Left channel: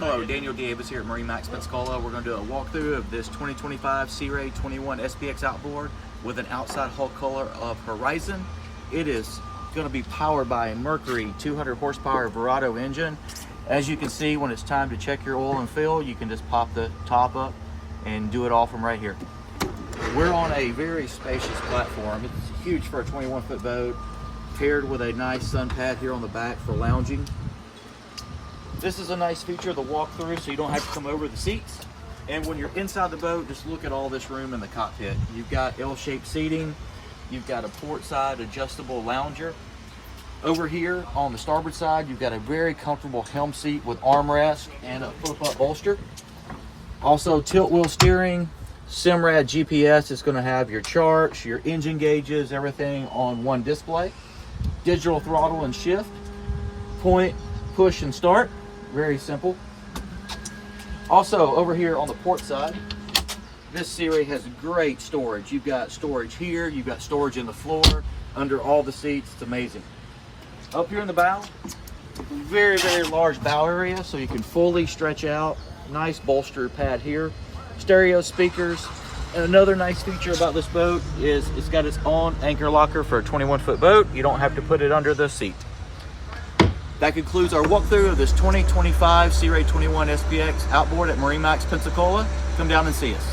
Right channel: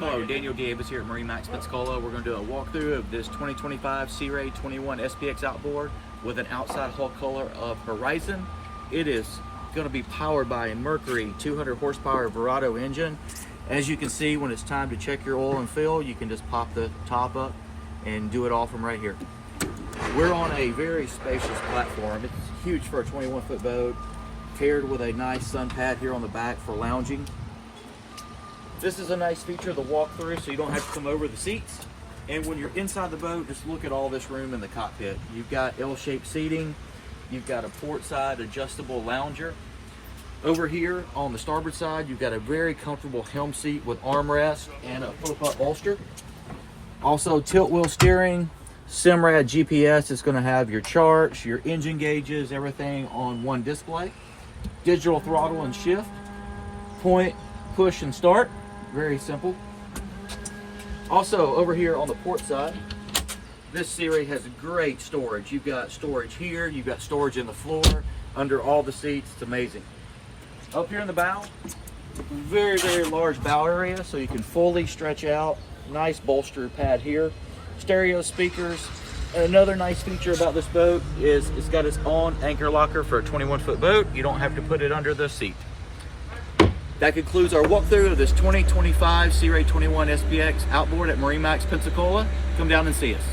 Hello, Daniel Davis here at MarineMax Pensacola. We're going to do a walkthrough of this 2025 Sea Ray 21 SPX outboard with an outside hull color of Horizon. It is going to be powered by a Mercury 200 horsepower Verado engine. As you can see, when it's time to check your oil and fill, you can just pop the top up and do it all from right here. We're on a very spacious platform. It's huge for a 21-foot boat, paired with a nice sun pad here on the back for lounging. This is a nice feature of the walkthrough, so you don't have to come over the seats. And when you're inside the boat, just look at all this room in the cockpit. You've got L-shaped seating. You've got a port side adjustable lounger. Over here on the starboard side, you've got a very comfortable helm seat with armrest and a flip-up bolster. Also, tilt wheel steering, Simrad GPS is going to have your charts, your engine gauges, everything on one display. Digital throttle and shift, point, push, and start. Very simple. Also, over here on the port side, this Sea Ray has great storage. You've got storage here, you've got storage in the floor, under all the seats. It's amazing. Up here in the bow, very, very large bow area, so you can fully stretch out. Nice bolster pad here. Stereo speakers. And another nice feature about this boat is it's got its own anchor locker for a 21-foot boat. You don't have to put it under the seat. That concludes our walkthrough of this 2025 Sea Ray 21 SPX outboard at MarineMax Pensacola. Come down and see us.